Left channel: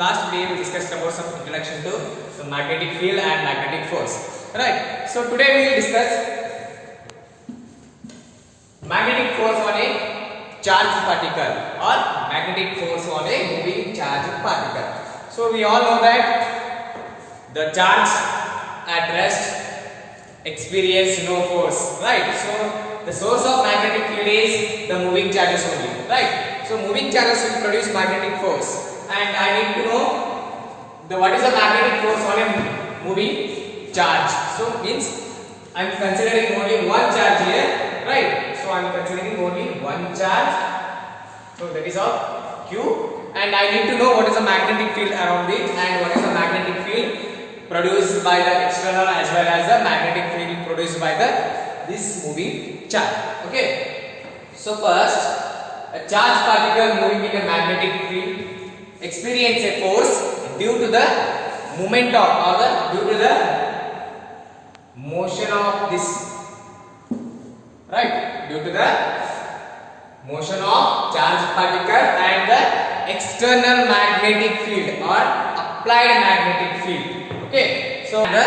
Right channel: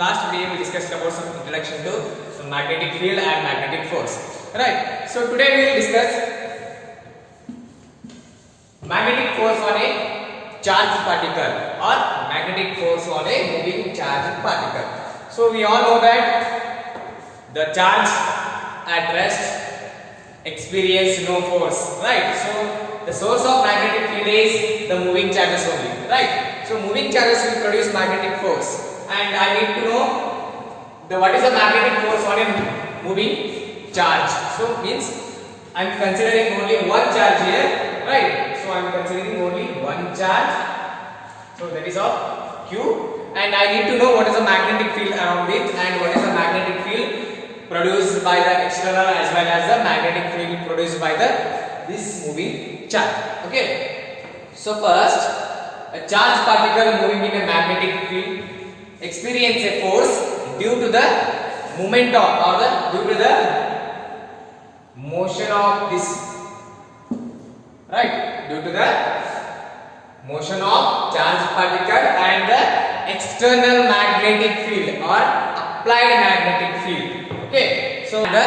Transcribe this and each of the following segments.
last video we discussed about some introduction to the magnetic field and magnetic force. Right. So today we will discuss magnetic force on a charged particle or magnetic force on a moving charged particle. So we all know that the charge at rest experience no force, right? So the source of magnetic field is the moving charges only, right? So moving charges will produce magnetic force, and I need to know what is the magnetic force on a moving charge. So means I am considering only one charge here, right? So I am considering only one charge. So that is of Q, and I need to know what is the magnetic field around it and what is the magnetic field produced by the external as well as the magnetic field produced by this moving charge. Okay. So first, a charged particle moving in a magnetic field experience a force due to the movement of due to the motion of this, right? Due to the motion of charged particle and the external magnetic field or applied magnetic field. Okay, so the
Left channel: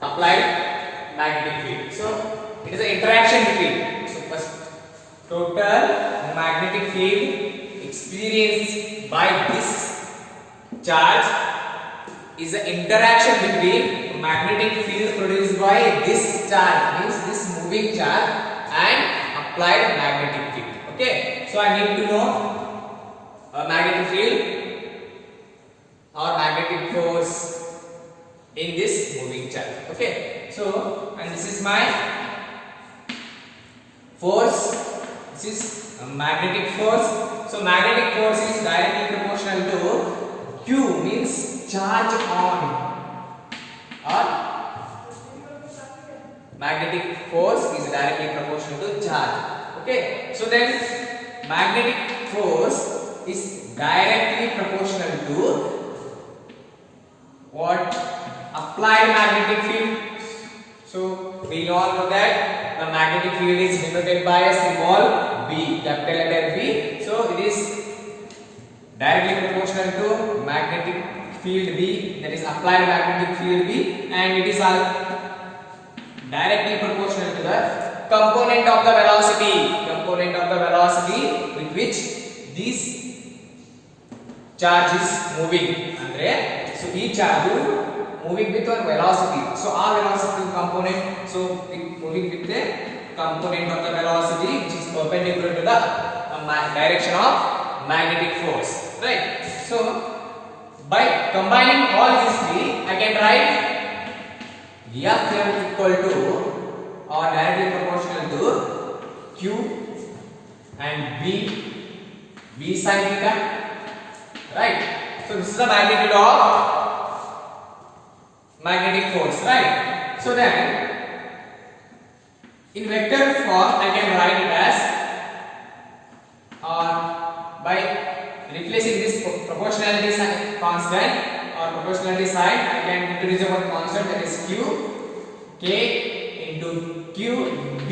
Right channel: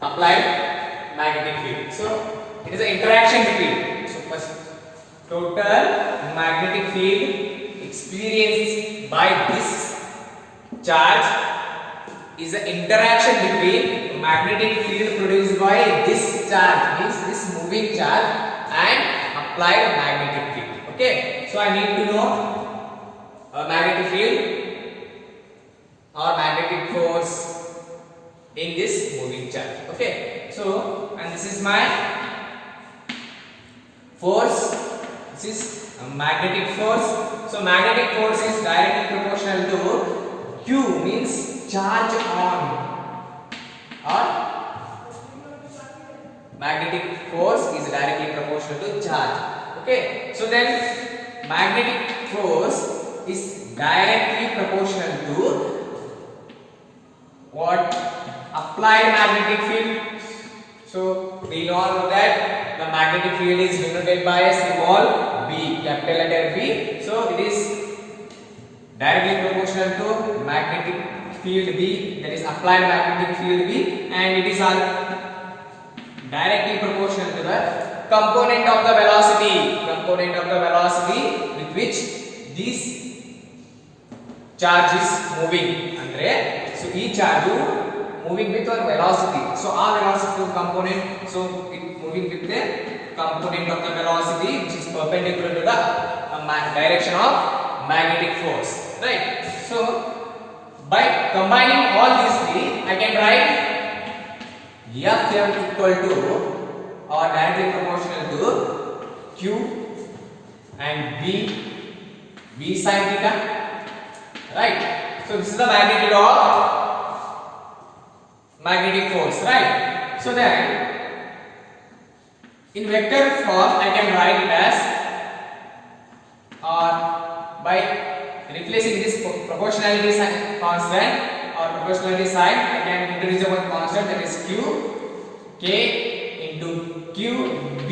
applied magnetic field. So it is an interaction between. So first, total magnetic field experienced by this charge is an interaction between magnetic field produced by this charge, means this moving charge, and applied magnetic field. Okay, so I need to know a magnetic field or magnetic force in this moving charge. Okay, so and this is my force, this is a magnetic force. So magnetic force is directly proportional to Q, means charge on, or magnetic force is directly proportional to charge. Okay, so then magnetic force is directly proportional to what? Applied magnetic field. So we all know that the magnetic field is denoted by a symbol B, capital letter B. So it is directly proportional to magnetic field B, that is applied magnetic field B, and it is directly proportional to the component of the velocity with which this charge is moving. Andre, so each charge moving with one velocity. So our velocity component, so moving with the component of the velocity which is perpendicular to the direction of magnetic force, right? So by combining all these three, I can write Fm equal to or directly proportional to Q and V sin theta, right? So this is the magnitude of magnetic force, right? So then in vector form I can write it as, or by replacing this proportionality sign constant or proportionality sign, I can introduce one constant, that is Q, K into Q B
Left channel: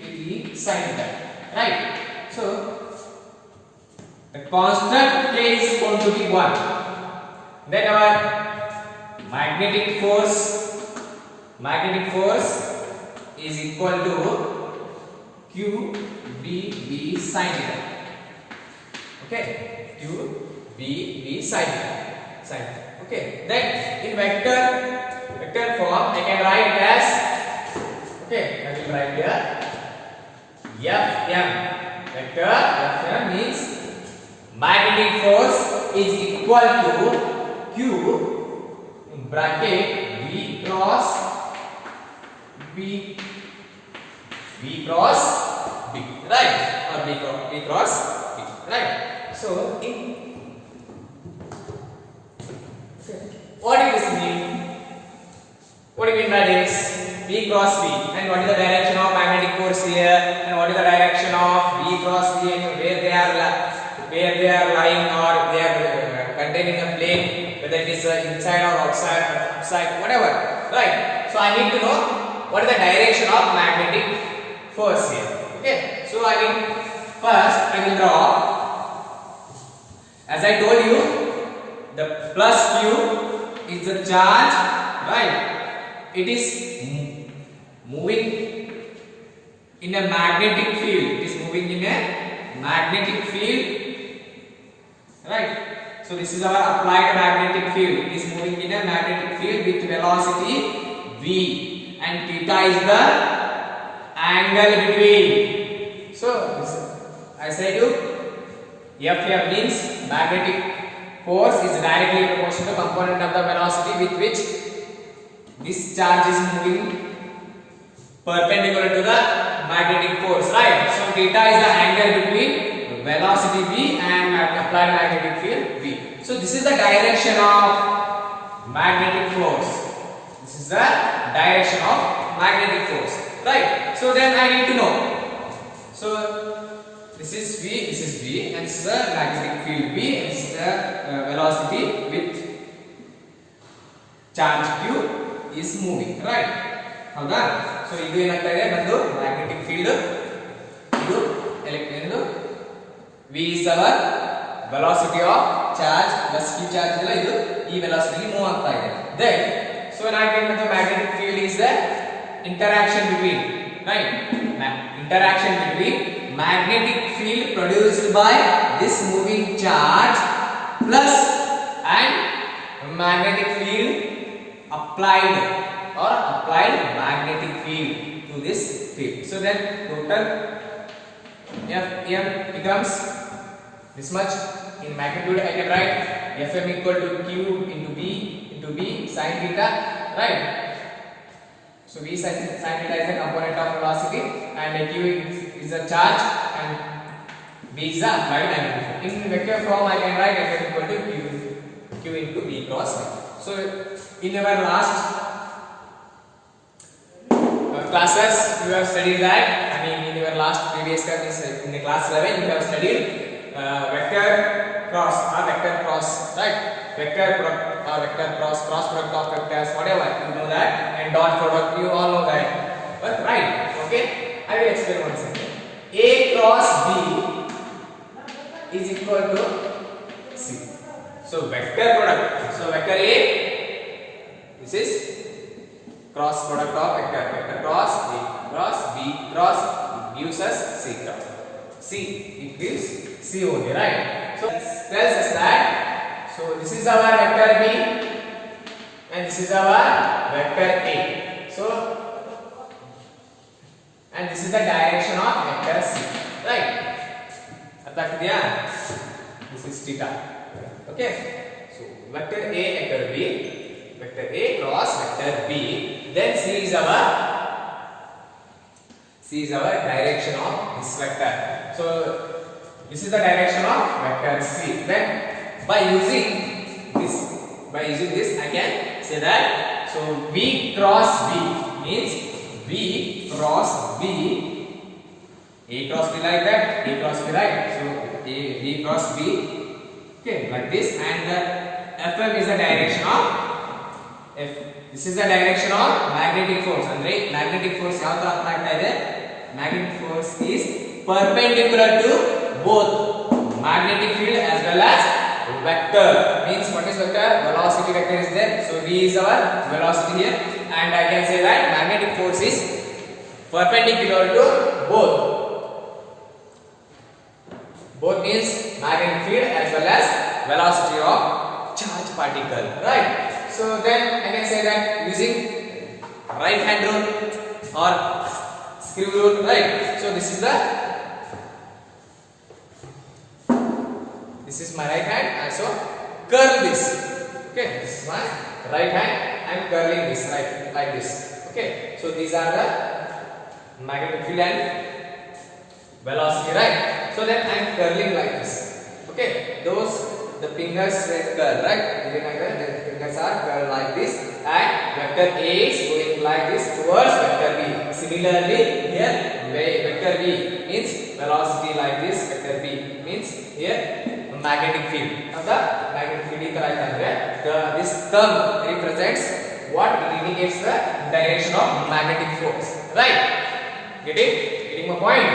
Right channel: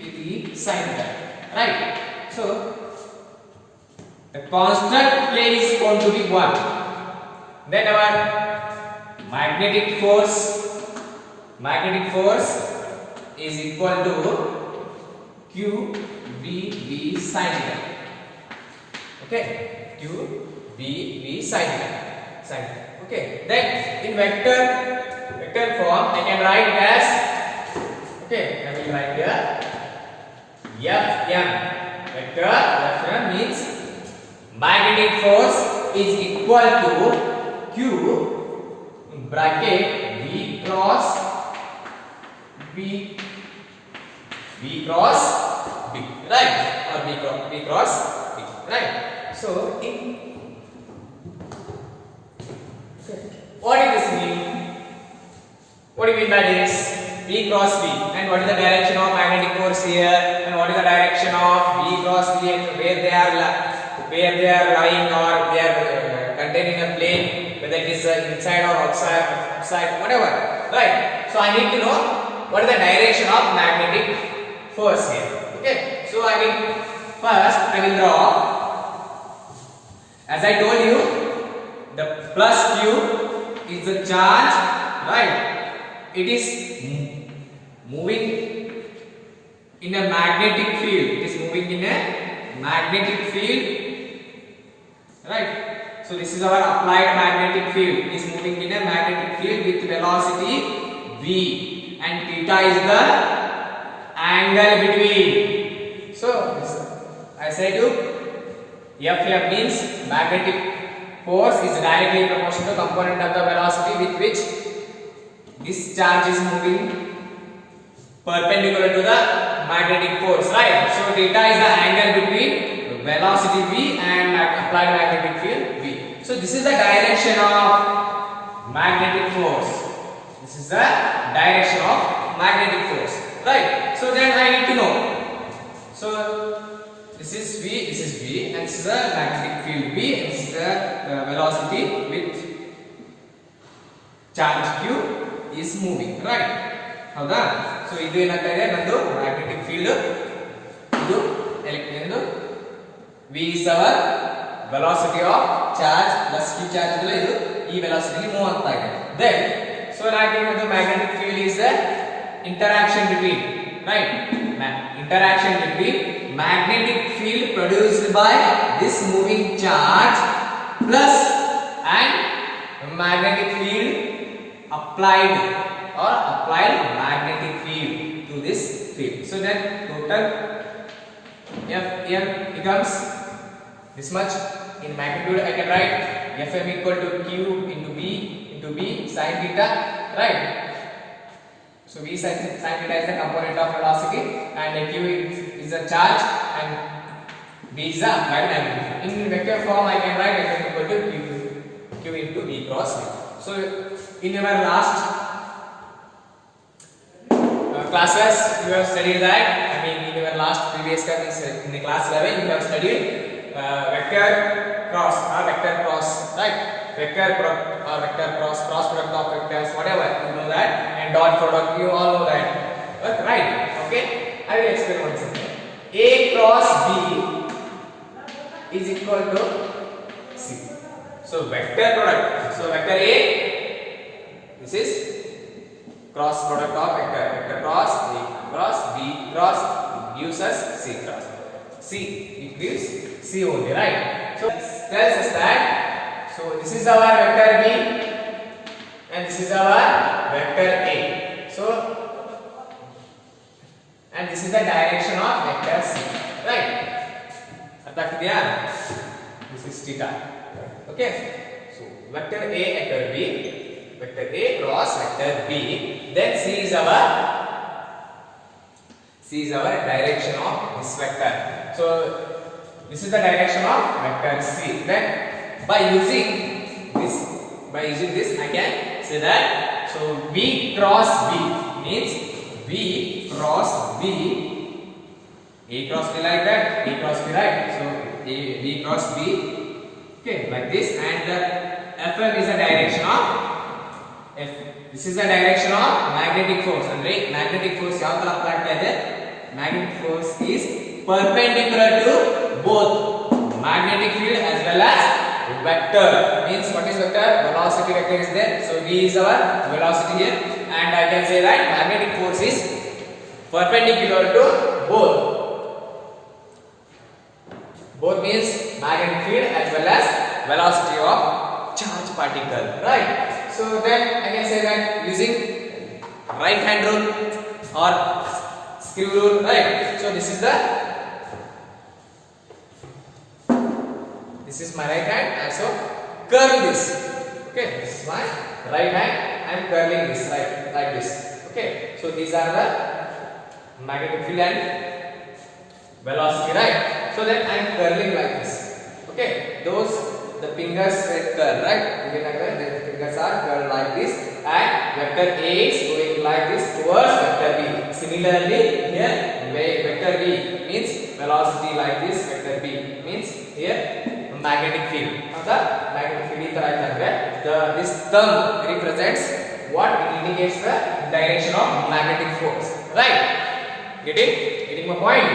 with E sin theta, right? So the constant K is going to be 1. Then our magnetic force is equal to Q B sin theta. Okay, Q B sin theta. Okay, then in vector form I can write it as, okay, I will write here Fm. Vector Fm means magnetic force is equal to Q in bracket V cross B, right? Or V cross B, right? So what does this mean? What do you mean by this? V cross B, and what is the direction of magnetic force here, and what is the direction of V cross B, and where they are lying, or they are containing a plane, whether it is inside or outside, whatever, right? So I need to know what is the direction of magnetic force here. Okay, so first I will draw As I told you, the plus q is the charge, right? It is moving in a magnetic field. It is moving in a magnetic field, right? So this is our applied magnetic field. It is moving in a magnetic field with velocity v, and theta is the angle between. So this, I say to F means magnetic force is directly proportional to component of the velocity with which this charge is moving perpendicular to the magnetic force, right? So theta is the angle between velocity v and applied magnetic field v. So this is the direction of magnetic force. This is the direction of magnetic force, right? So then I need to know. So this is v, and this is the magnetic field v, and this is the velocity with charge q is moving, right? ಹೌದಾ? So ಇದು ಏನಾಗ್ತಾ ಇದೆ, ನಂದು magnetic field, ಇದು electric v is our velocity of charge plus q charge ಇದೆಲ್ಲ, ಇದು ಈ velocity move ಆಗ್ತಾ ಇದೆ. Then so now the magnetic field is the interaction between, right? Interaction between magnetic field produced by this moving charge plus and magnetic field applied magnetic field to this field. So then total F m becomes this much in magnitude. I can write Fm equal to q into b sin theta, right? So v sin theta is the component of velocity, and q is the charge, and b is the applied magnetic field. In vector form I can write Fm equal to q into b cross y. So in our last classes you have studied that, I mean in your last previous class in the class 11 you have studied vector cross or vector cross, right? Vector or vector cross product of vectors, whatever, you know that, and dot product, you all know that, but right? Okay, I will explain once again. A cross B is equal to C. So vector product, so vector A, this is cross product of vector cross A cross B cross gives us C cross. C, it gives C only, right? So tells us that, so this is our vector B and this is our vector A. So and this is the direction of vector C, right? This is theta. Okay, so vector A, vector B, vector A cross vector B, then C is our direction of this vector. So this is the direction of vector C. Then by using this I can say that, so V cross B means V cross B, A cross B like that, A cross B, right? So V cross B, okay, like this, and the Fm is the direction of F. This is the direction of magnetic force. And magnetic force ಯಾವ ತರ apply ಆಗ್ತಾ ಇದೆ? Magnetic force is perpendicular to both magnetic field as well as vector. Means what is vector? Velocity vector is there. So V is our velocity here, and I can say that magnetic force is perpendicular to both. Both means magnetic field as well as velocity of charge particle, right? So then I can say that using right hand rule or screw rule, right? So this is my right hand, and so curl this. Okay, this is my right hand. I am curling this right like this. Okay, so these are the magnetic field and velocity, right? So then I am curling like this. Okay, the fingers curl, right? The fingers are curled like this, and vector A is going like this towards vector B. Similarly, here vector V means velocity like this. Vector B means here magnetic field. Now the magnetic field is like that. This thumb represents what? It indicates the direction of magnetic force, right? Get it? Getting my point?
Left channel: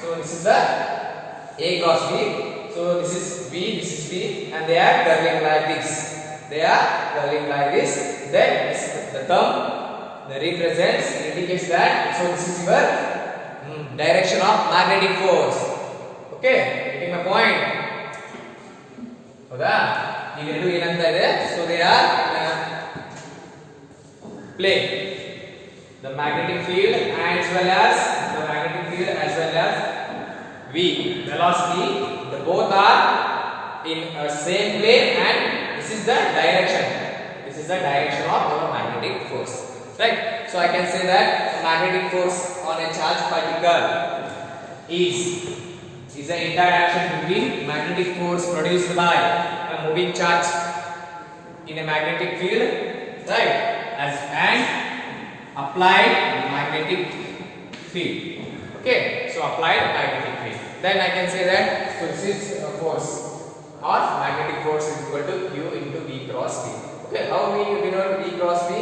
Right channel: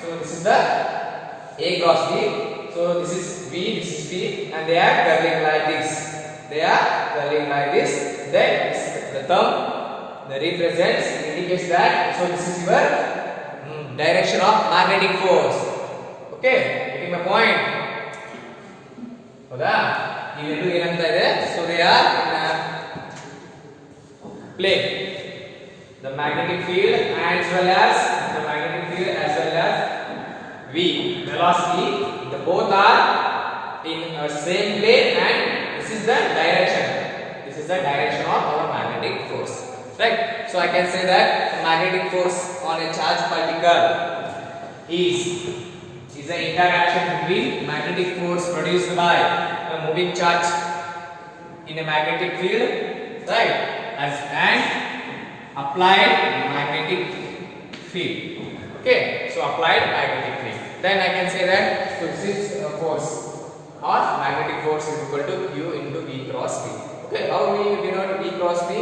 So this is the A cross B. So So this is V, and they are curling like this. They are curling like this. Then this, the thumb, the represents, indicates that. So this is your direction of magnetic force. Okay, getting my point? ಹೌದಾ? ಇವೆರಡು ಏನಂತ ಇದೆ? So they are in plane. The magnetic field as well as V velocity, the both are in a same plane, and this is the direction. This is the direction of our magnetic force, right? So I can say that magnetic force on a charged particle is the interaction between magnetic force produced by a moving charge in a magnetic field, right, and applied magnetic field. Okay, so applied magnetic field. Then I can say that so this is force or magnetic force is equal to Q into V cross V. Okay, how we denote V cross V?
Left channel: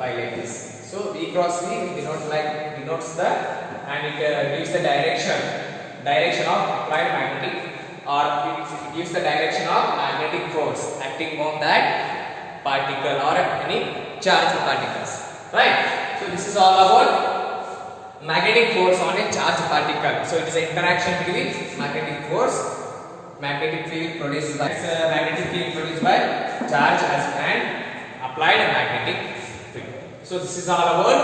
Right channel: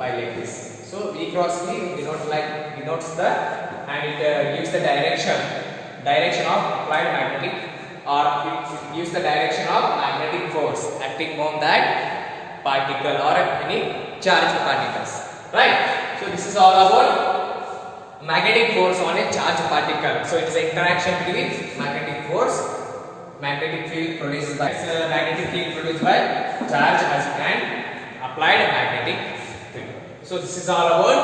By like this. So V cross V denotes the, and it gives the direction of applied magnetic, or it gives the direction of magnetic force acting on that particle or any charged particles, right? So this is all about magnetic force on a charged particle. So it is an interaction between magnetic field produced by charge and applied magnetic field. So this is all about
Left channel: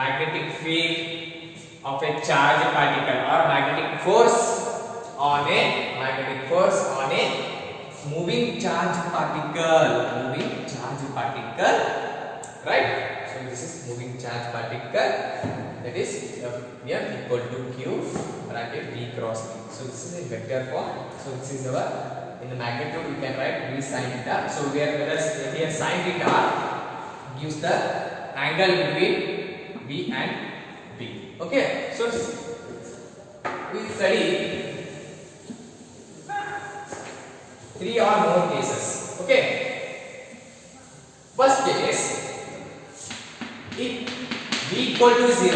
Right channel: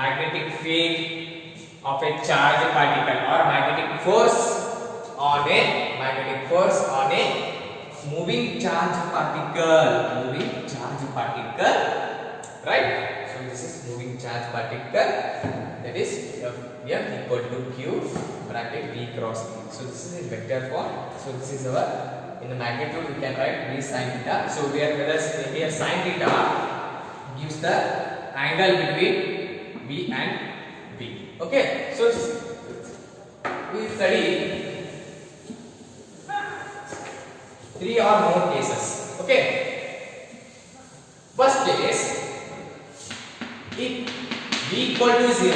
magnetic field of a charged particle, or magnetic force on a moving charged particle, right? So this is moving charge particle, that is F equal to Q bracket V cross V. So this is in vector form. So this is our, in the magnitude we can write V sin theta. So here sin theta gives the angle between V and V. Okay, so we study 3 or more cases. Okay, first case, if V equal to 0,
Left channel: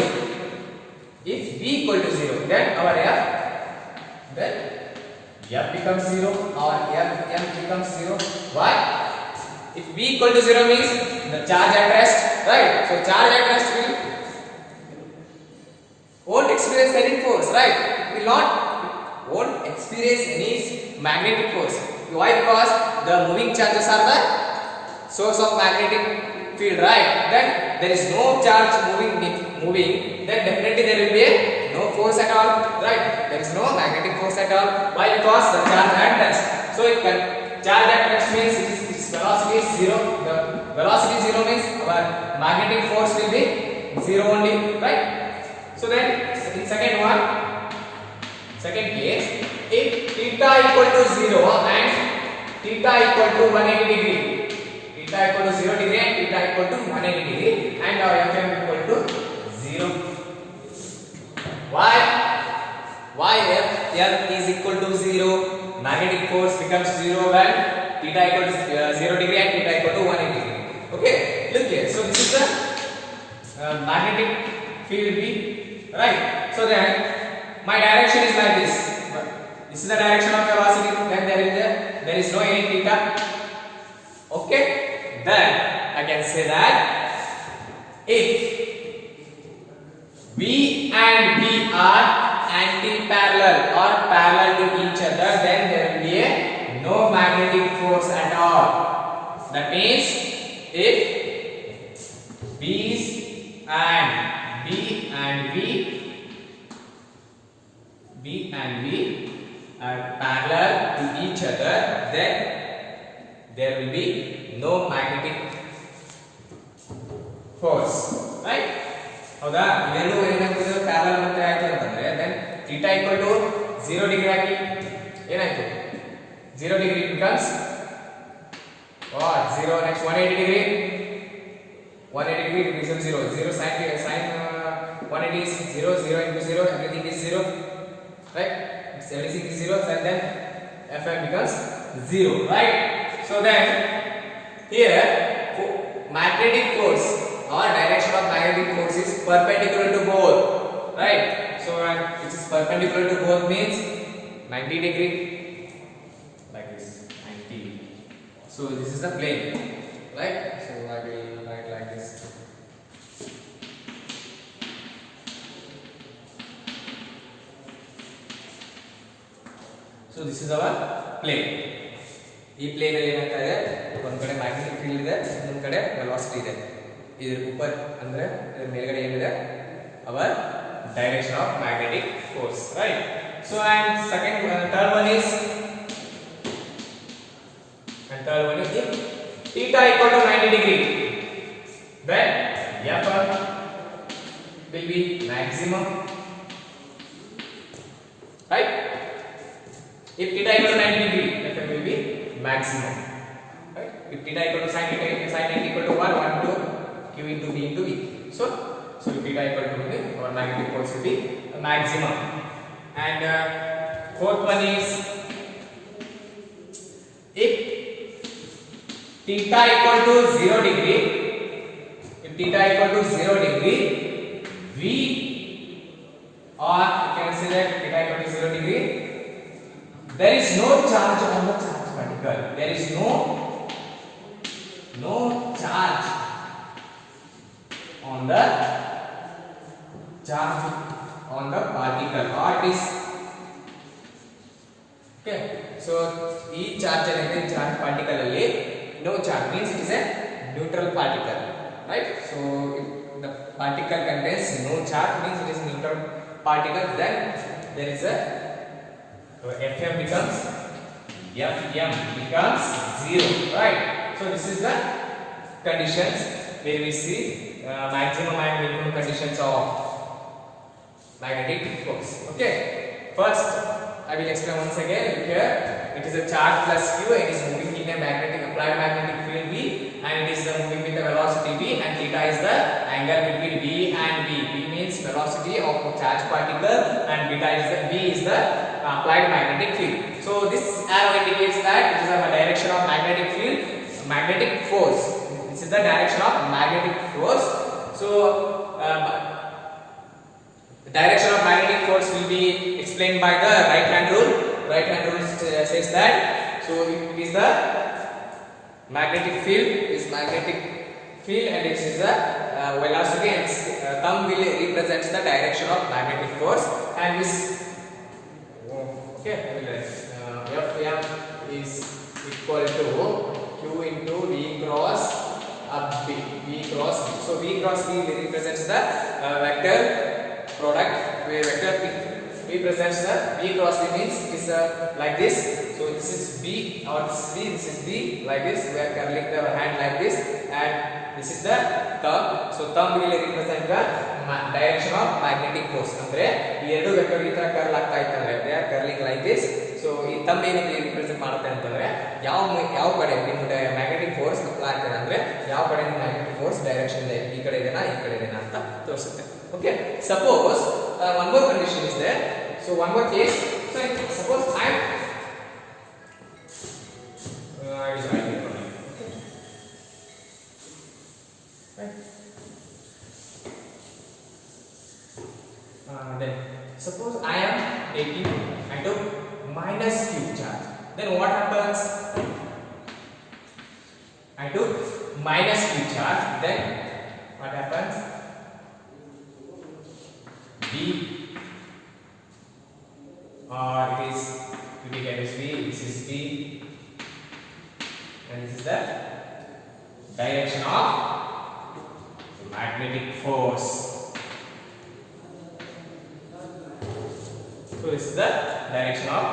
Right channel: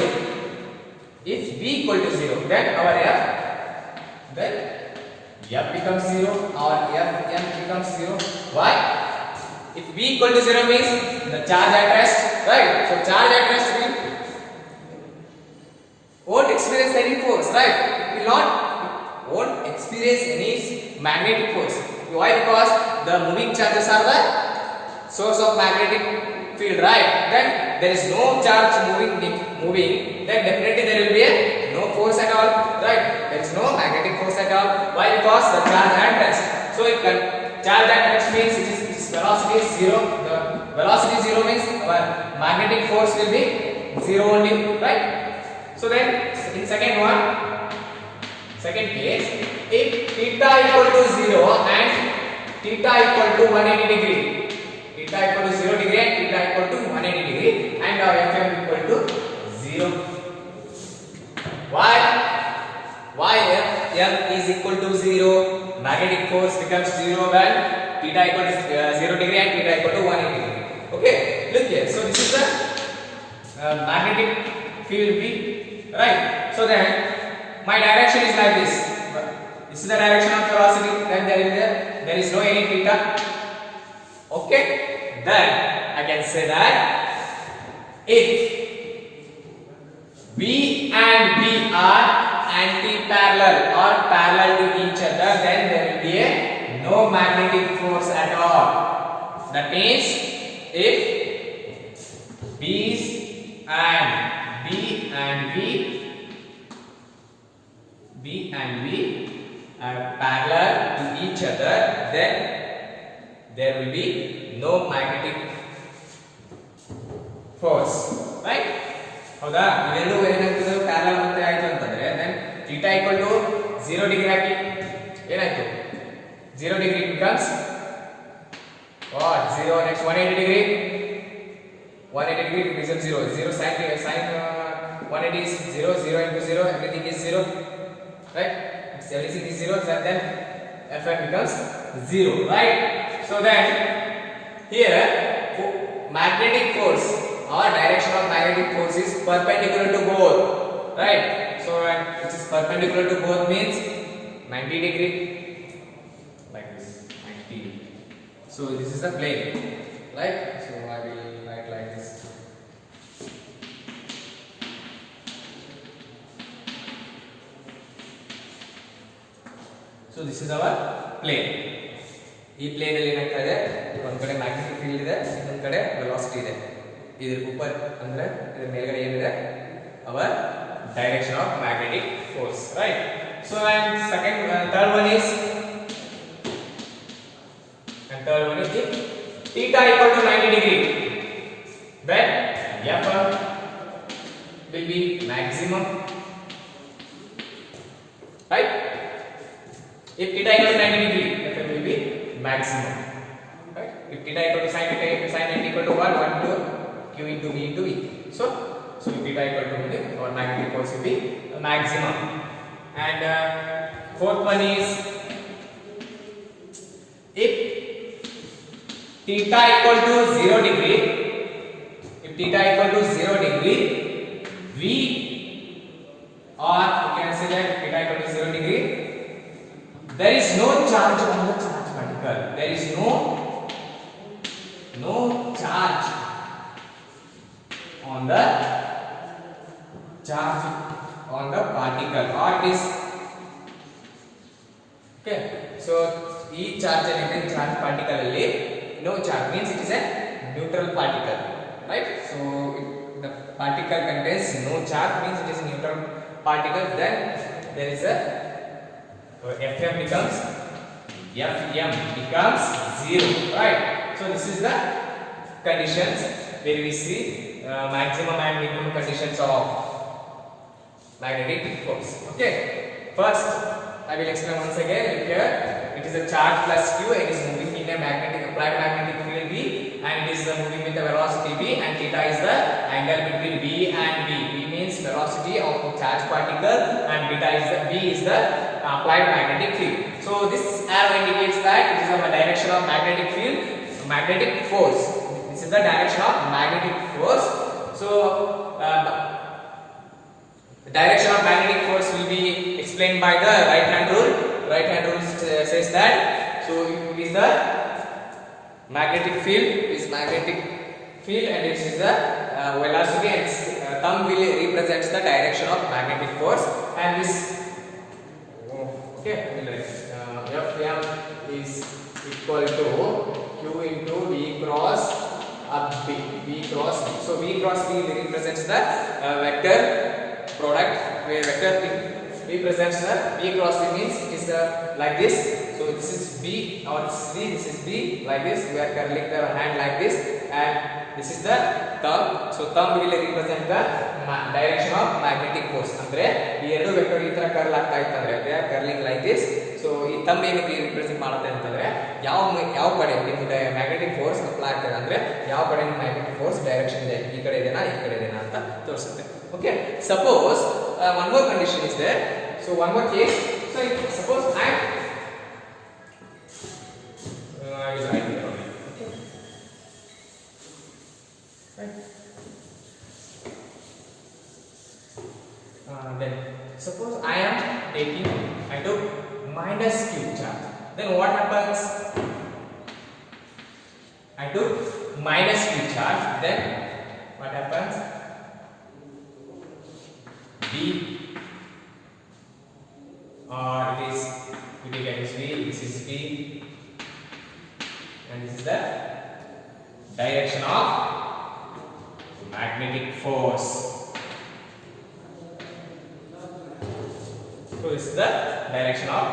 then our F becomes 0, or M becomes 0. Why? If V equal to 0 means the charge at rest, right? So charge at rest won't experience any force, right? It won't experience any magnetic force. Why? Because the moving charges are the source of magnetic field, right? Then there is no charge moving, then definitely there will be no force at all, right? There is no magnetic force at all. Why? Because the charge at rest. So charge at rest means its velocity is 0. The velocity 0 means our magnetic force will be 0 only, right? So then in second case, if theta equal to 0 and theta equal to 180 degree, theta equal to 0 degree and theta equal to 180 degree, and our Fm equal to 0. Why F is equal to 0? Magnetic force becomes 0 when theta equal to 0 degree and theta equal to 180 degree. Okay, look here. So this is the magnetic field B, right? So then my direction is like this. This is the direction of velocity. Then there is no any theta. Okay, then I can say that if V and B are anti-parallel or parallel to each other, then there will be no magnetic force at all. That means if B and V are parallel to each other, then there will be no magnetic force, right? ಹೌದಾ? ಇವೆರಡು ಏನಾಗ್ತಿದೆ parallel ಮತ್ತೆ ಆಯ್ತು ಅಂತಂದ್ರೆ then theta equal to 0 degree ಹಾಕಿ ಏನಾಯ್ತು 0 degree becomes what 0 next 180 degree 180 degree becomes 0 sin 180 is 0 into 0 everything is 0, right? Everything is 0, and then Fm becomes 0, right? So then here magnetic force or direction of magnetic force is perpendicular to both, right? So which is perpendicular to both means 90 degree, like this 90. So this is the plane, right? So I will write like this. So this is our plane. ಈ plane ಅಲ್ಲಿ ಏನಾಗ್ತಾ ಇದೆ, ಒಂದು ಕಡೆ magnetic field ಇದೆ, ಇನ್ನೊಂದು ಕಡೆ velocity ಇದೆ. ಇದರ ऊपर ಅಂದ್ರೆ ಇದರ ಮೇಲ್ಗಡೆ ಏನಿದೆ, ಅವರ್ direction of magnetic force, right? So and third one is if theta equal to 90 degree, then F will be maximum, right? If theta equal to 90 degree, F will be maximum, right? If theta equal to sin 90 equal to 1 to Q into V into V. So if theta equal to our magnetic force will be maximum. And fourth one is if theta equal to 0 degree, V, or you can say that theta equal to 0 degree, there is no charge on the charge particle. There is no charge on the particle, or it is okay. So each charge particle alli no charge, means it is a neutral particle, right? So if the particle contains no charge, means it is a neutral particle, then there is a Fm becomes 0, right? So this is the conditions where we see maximum and minimum conditions of magnetic force. Okay, first I will explain once again. Here it is a charge plus Q, it is moving in a applied magnetic field V, and it is moving with the velocity V, and theta is the angle between V and V. V means velocity of a charged particle, and V is the applied magnetic field. So this arrow indicates that it is a direction of magnetic field, magnetic force. This is the direction of magnetic force. So the direction of magnetic force will be explained by the right hand rule. Right hand rule says that, so it is the magnetic field, and this is the velocity, and thumb will represents the direction of magnetic force, and this Fm is equal to Q into V cross B. So V cross B represents the vector product, where vector represents the V cross B, means it is like this. So this is B, or this is B, like this. We are curling the hand like this, and this is the thumb. So thumb will represent the direction of magnetic force. Andre ee eradu vector ee tara curl aagta itte andre they are curling like this. So ee thumb ಏನಕ್ಕೆ represent ಮಾಡುತ್ತೆ ಅಂತಂದ್ರೆ ಯಾವ ಕಡೆ ನಿಮಗೆ magnetic force apply ಆಗ್ತದೆ ಅಂದ್ರೆ ಯಾವ ಕಡೆ magnetic force direction ಇದೆ, ಈ ಕಡೆ ಇದೆನಾ ಅಂತ ತೋರಿಸುತ್ತೆ. Okay, suppose one more condition is there. So one more case. So suppose I will write it for you. Okay, right. Then suppose I am taking and took minus Q charge. Then what happens? I took minus Q charge. Then what happens? V, or it is V, this is V, and this is the direction of magnetic force. So this is the direction of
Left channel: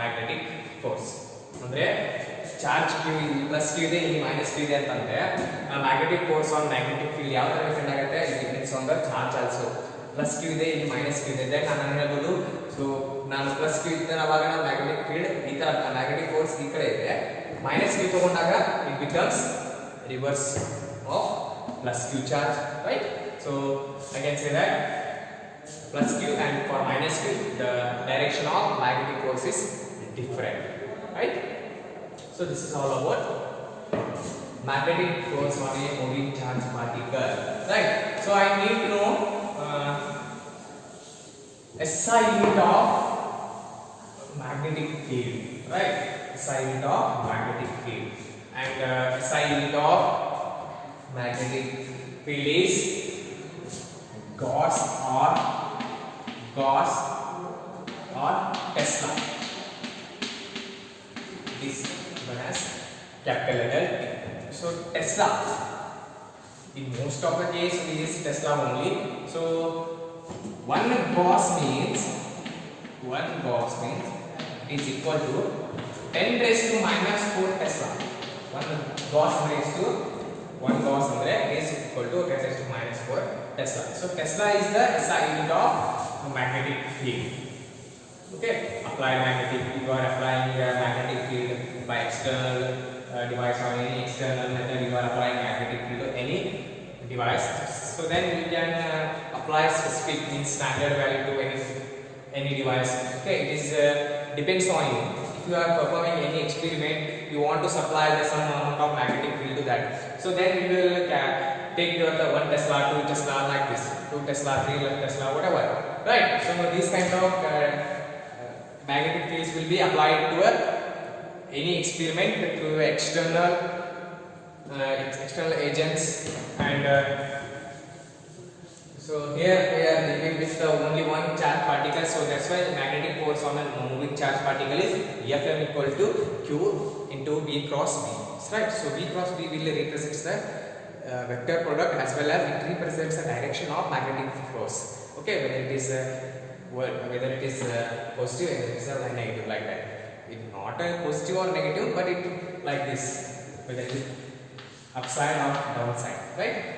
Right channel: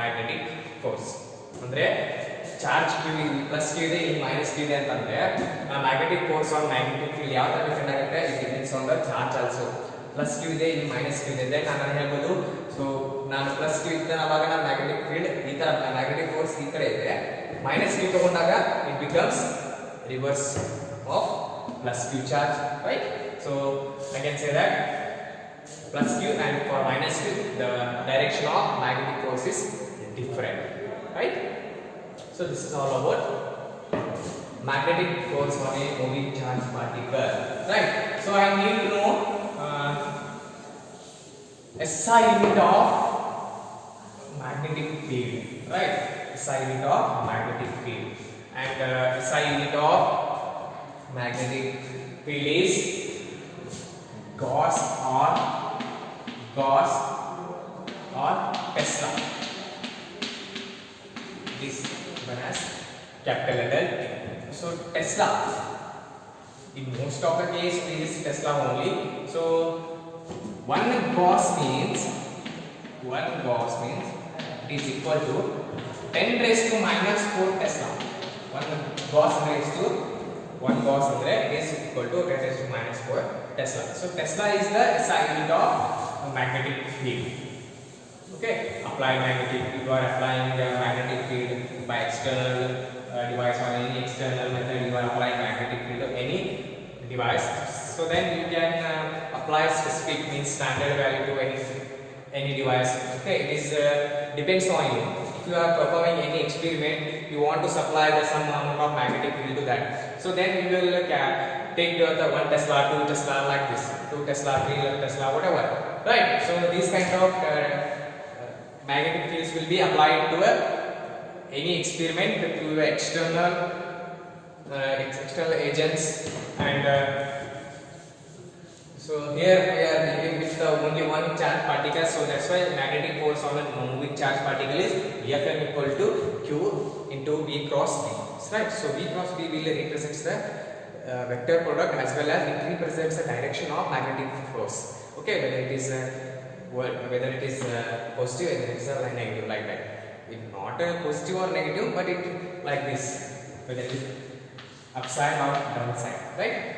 magnetic force. Andre charge Q plus Q ಇದೆ, ಇಲ್ಲಿ minus Q ಇದೆ ಅಂತಂದ್ರೆ magnetic force on magnetic field ಯಾವ ತರ depend ಆಗುತ್ತೆ? It depends on the charge also. Plus Q ಇದೆ, ಇಲ್ಲಿ minus Q ಇದೆ. Then ನಾನು ಹೇಳ್ಬೋದು, so ನಾನು plus Q ಇದ್ದರೆ ಅವಾಗ ನಾನು magnetic field ಈ ತರ magnetic force ಈ ಕಡೆ ಇದೆ, minus Q ತಗೊಂಡಾಗ it becomes reverse of plus Q charge, right? So I can say that plus Q, and for minus Q the direction of magnetic force is different, right? So this is all about magnetic force on a moving charge particle, right? So I need to know SI unit of magnetic field, right? SI unit of magnetic field, and SI unit of magnetic field is Gauss or Tesla. This one as capital letter T. So Tesla. In most of the case we use Tesla only. So one Gauss means it is equal to 10 raised to minus 4 Tesla. One Gauss raised to 1 Gauss is equal to 10 raised to minus 4 Tesla. So Tesla is the SI unit of magnetic field. Okay, applied magnetic. You are applying magnetic field by external device or any external method. You are applying magnetic field to any device. So then you can apply specific means standard value to any device. Okay, it is depends on you. If you are performing any experiment, you want to supply some amount of magnetic field to that. So then you will take the 1 Tesla, 2 Tesla like this, 2 Tesla, 3 Tesla, whatever. Right. So these kind of magnetic fields will be applied to any experiment to external agents, and so here we are dealing with only one charge particle. So that's why magnetic force on a moving charge particle is Fm equal to Q into V cross B. Right. So V cross B will represents the vector product as well as it represents the direction of magnetic force. Okay, whether it is positive, whether it is negative, like that. It's not a positive or negative, but it like this, whether it is upside or downside, right?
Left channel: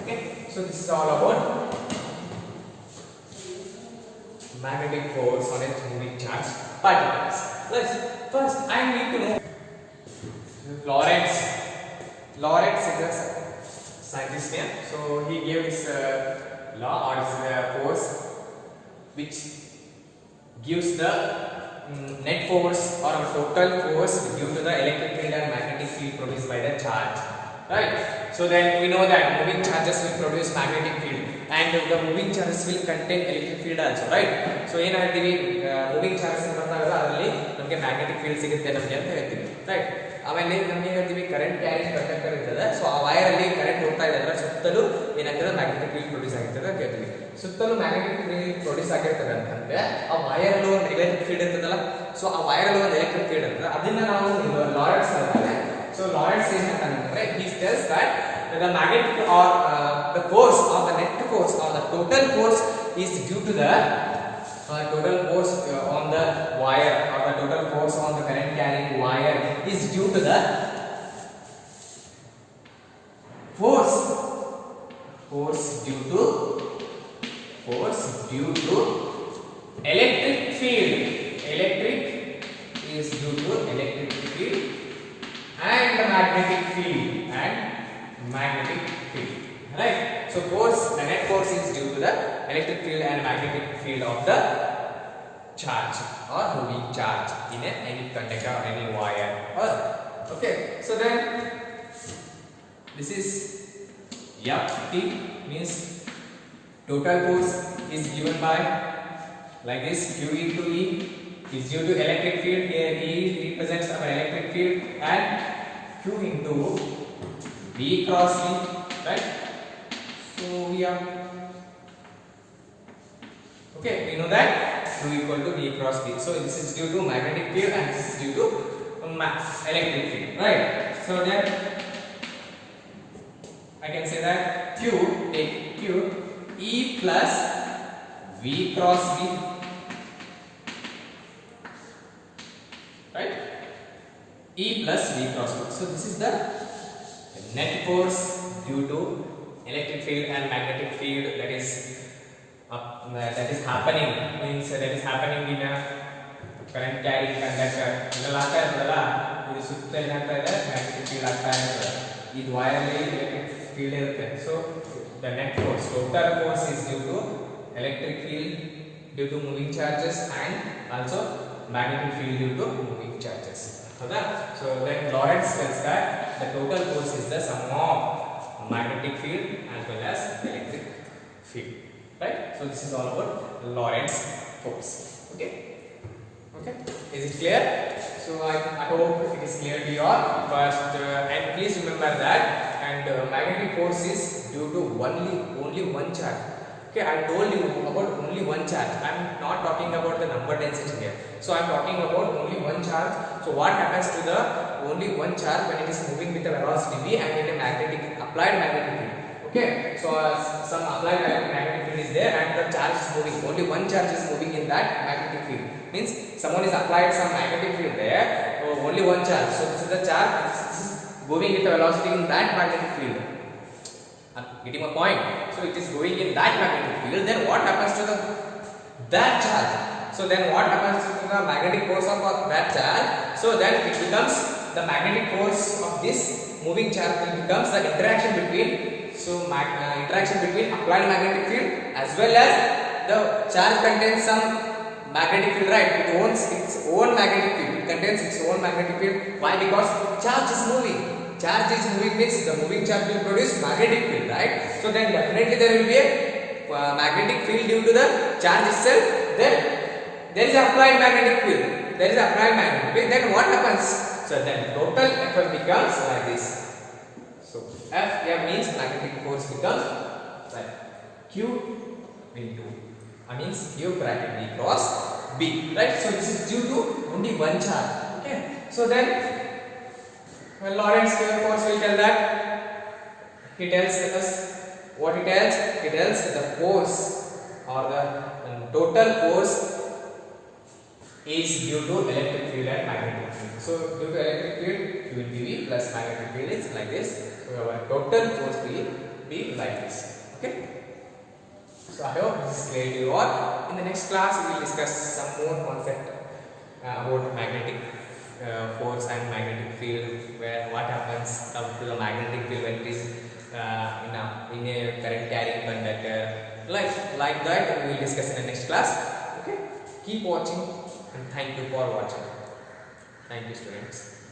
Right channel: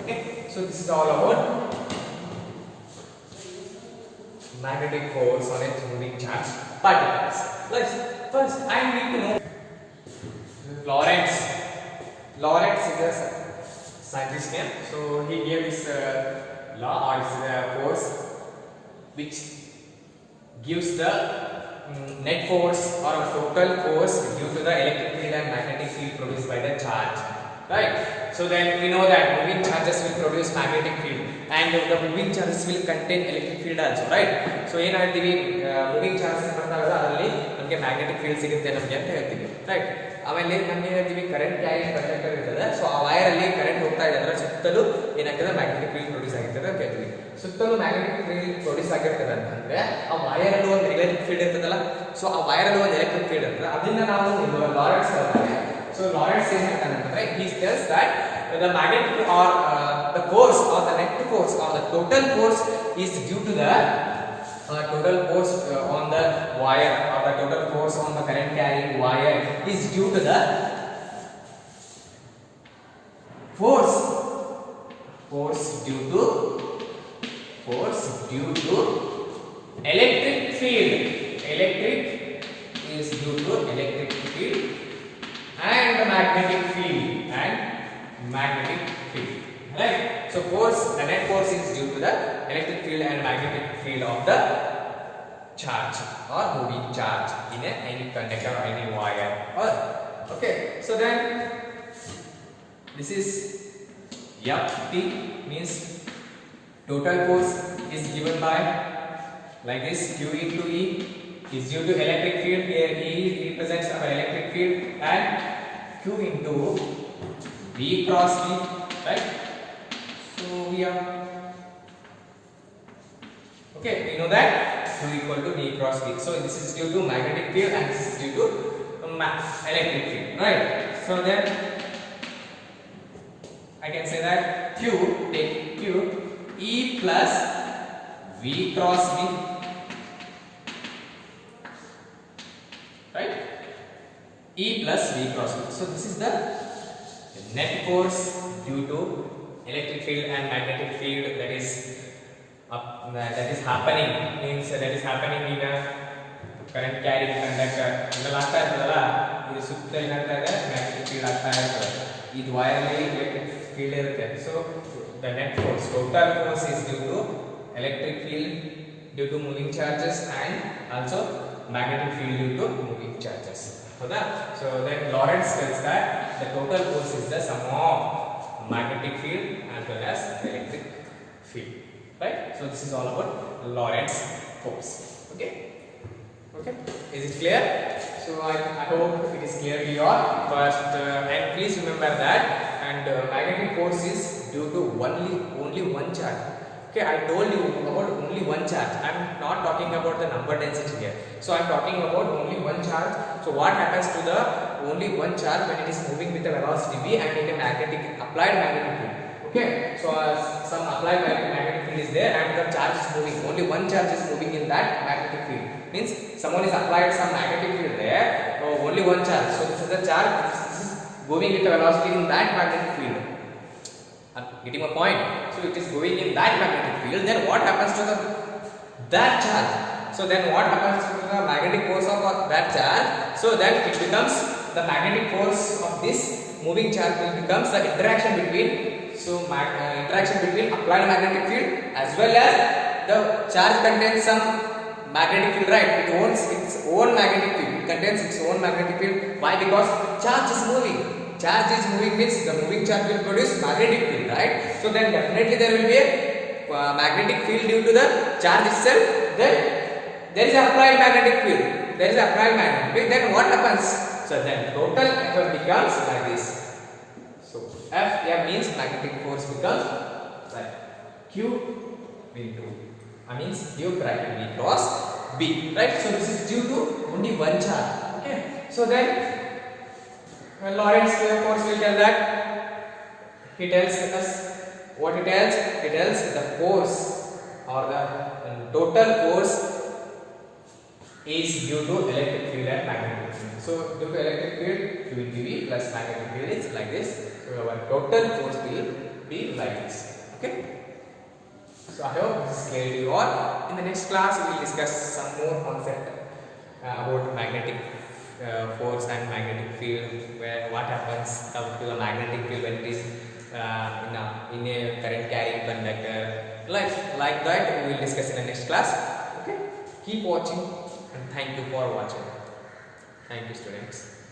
Okay, so this is all about magnetic force on a moving charge particles. First I need to know Lorentz is a scientist here. So he gave this law or this force which gives the net force or total force due to the electric field and magnetic field produced by the charge, right? So then we know that moving charges will produce magnetic field and the moving charges will contain electric field also, right? So ಏನಾಗ್ತೀವಿ moving charges ಬಂದಾಗ ಅದರಲ್ಲಿ ನಮಗೆ magnetic field ಸಿಗುತ್ತೆ ನಮಗೆ ಅಂತ ಹೇಳ್ತೀವಿ, right? ಆಮೇಲೆ ನಮಗೆ ಹೇಳ್ತೀವಿ ಕರೆಂಟ್ ಕ್ಯಾರಿಂಗ್ ಕಂಡಕ್ಟರ್ ಇರ್ತದೆ. ಸೊ ಆ ವೈರ್ ಅಲ್ಲಿ ಕರೆಂಟ್ ಹೋಗ್ತಾ ಇದೆ ಅಂದ್ರೆ ಸುತ್ತಲೂ ಏನಾಗ್ತದೆ ಮ್ಯಾಗ್ನೆಟಿಕ್ ಫೀಲ್ಡ್ ಪ್ರೊಡ್ಯೂಸ್ ಆಗಿರ್ತದೆ ಅಂತ ಹೇಳ್ತೀವಿ. ಸುತ್ತಲೂ ಮ್ಯಾಗ್ನೆಟಿಕ್ ಫೀಲ್ಡ್ ಪ್ರೊಡ್ಯೂಸ್ ಆಗಿರ್ತದೆ ಅಂತಂದ್ರೆ ಆ ವೈರ್ ಅಲ್ಲಿ ಒಂದು ಎಲೆಕ್ಟ್ರಿಕ್ ಫೀಲ್ಡ್ ಇರ್ತದಲ್ಲ, ಸೊ ಆ ವೈರ್ ಅಲ್ಲಿ ಒಂದು ಎಲೆಕ್ಟ್ರಿಕ್ ಫೀಲ್ಡ್ ಇರ್ತದೆ. ಅದನ್ನ ನಾವು ಲಾರೆನ್ಸ್ ಹೇಳ್ತಾರೆ. ಸೊ ಲಾರೆನ್ಸ್ ಏನ್ ಹೇಳ್ತಾನೆ ಅಂತಂದ್ರೆ he tells that the magnetic or the force or the net force or the total force is due to the total force on the wire or the total force on the current carrying wire is due to the force due to electric field. Electric is due to electric field and magnetic field right? So force, the net force is due to the electric field and magnetic field of the charge or moving charge in any conductor or any wire. Okay, so then this is Ft means total force is given by like this, Q into E is due to electric field. Here E represents our electric field and Q into V cross V, right? So we are okay, we know that Q equal to V cross V. So this is due to magnetic field and this is due to electric field, right? So then I can say that Q E plus V cross V, right? E plus V cross V. So this is the net force due to electric field and magnetic field that is happening, means that is happening in a current carrying conductor. ಇದೆಲ್ಲ ಆಗ್ತಾ ಇರ್ತದಲ್ಲ, ಇದು ಸುತ್ತ ಏನಾಗ್ತಾ ಇದೆ magnetic field ಆಗ್ತಾ ಇರ್ತದೆ. ಇದು ವೈರ್ ಅಲ್ಲಿ ಎಲೆಕ್ಟ್ರಿಕ್ ಫೀಲ್ಡ್ ಇರುತ್ತೆ. So the net force, total force is due to electric field due to moving charges and also magnetic field due to moving charges. So then Lorentz tells that the total force is the sum of magnetic field as well as electric field, right? So this is all about Lorentz force. Okay. Okay, is it clear? So I hope it is clear to you all. But and please remember that magnetic force is due to only one charge. Okay, I told you about only one charge. I am not talking about the number density here. So I am talking about only one charge. So what happens to the only one charge when it is moving with a velocity v and in a applied magnetic field? Okay, so some applied magnetic field is there and the charge is moving. Only one charge is moving in that magnetic field. Means someone is applied some magnetic field there. So only one charge. So this is the charge. This is moving with a velocity in that magnetic field. Getting my point? So it is going in that magnetic field. Then what happens to that charge? So then what happens to the magnetic force of that charge? So then it becomes the magnetic force of this moving charge will becomes the interaction between interaction between applied magnetic field as well as the charge contains some magnetic field, right? It owns its own magnetic field. It contains its own magnetic field. Why? Because charge is moving. Charge is moving means the moving charge will produce magnetic field, right? So then definitely there will be a magnetic field due to the charge itself. Then there is applied magnetic field. There is applied magnetic field. Then what happens? So then total effect becomes like this. So F here means magnetic force becomes like Q into means Q bracket B cross B, right? So this is due to only one charge. Okay. So then Lorentz force will tell that he tells us what he tells. He tells the force or the total force is due to electric field and magnetic field. So due to electric field, Q into V plus magnetic field is like this. So our total force will be like this. Okay. So I hope this is clear to you all. In the next class, we will discuss some more concept about magnetic force and magnetic field, where what happens to the magnetic field when it is in a current carrying conductor. Like that, we will discuss in the next class. Okay. Keep watching and thank you for watching. Thank you, students.